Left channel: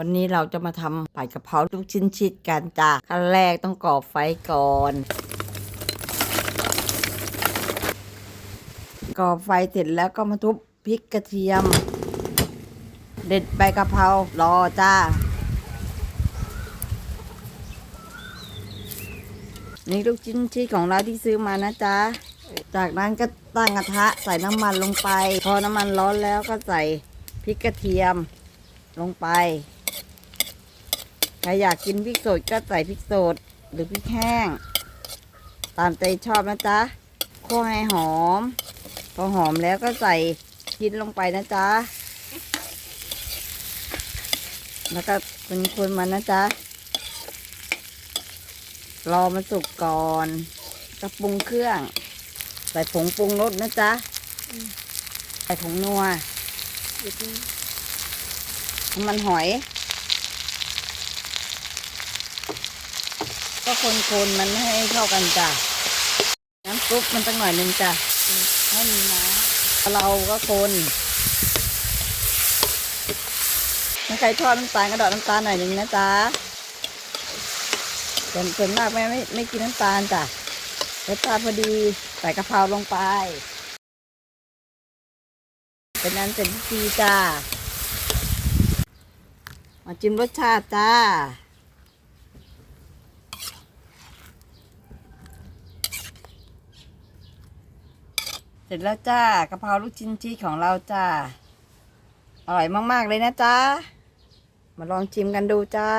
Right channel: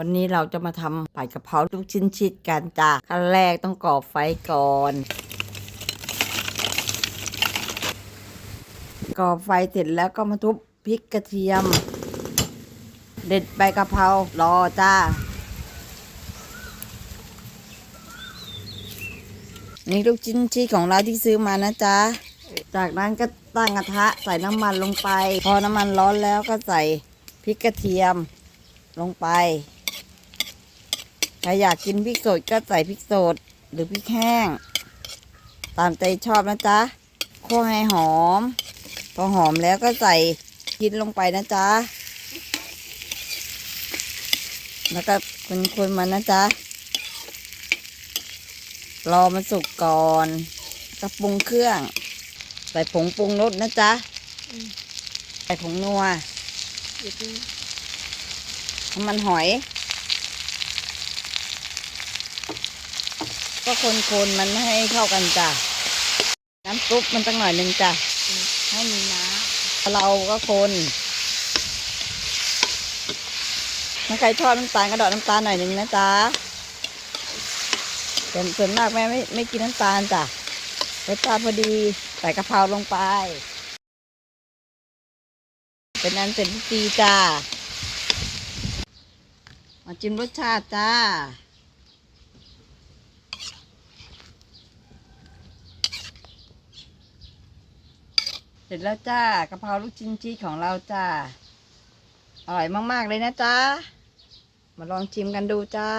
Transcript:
วันนี้เราจะมาทำผัดกะเพราลูกชิ้นชิดกันจ้ะขั้นแรกต้องก่อไฟก่อน ก่อไฟเสร็จแล้วก็มาทุบพริกกระเทียม เด็ดใบกะเพรารอจ้า นี่ลูกชิ้นชีสของเราที่ซื้อมานะจ๊ะ จากนั้นก็ตั้งกระทะใส่น้ำมันลงไป พอน้ำมันร้อนแล้วก็ใส่พริกกระเทียมลงไป รอยากกินพริกสดก็ใส่พริกสดหรือพริกแห้ง ตามใจชอบนะจ๊ะคั่วให้หอม พอหอมแล้วก็ใส่ชิ้นลงไปนะจ๊ะ แล้วก็คนๆมันนะจ๊ะ รอมันสุกก่อนก็ปรุงเครื่อง ใส่ผงปรุงรสนะจ๊ะใส่ผงนัวน้ำมันหอย ก็คนๆมันให้เข้ากันจ้ะน้ำซุปมันต้องหน่อยหนึ่งจ้ะให้มีน้ำเราก็คนถ้าใครทอดน้ำตาลก็ดอกน้ำตาลหน่อยหนึ่งนะจ๊ะส่วนส่วนมากแม่ไม่ไม่กินน้ำตาลจ้ะรสชาติพอดีใส่กะเพราลงไป เป็นนั้นเป็นพิธีจ้ามาจิ้มรสชาติจ้า เสร็จแล้วจ้ากะเพราลูกชิ้นชีสของเราจ้า อร่อยมาก ๆ เลยนะจ้ามาลองชิมกันดูจ้า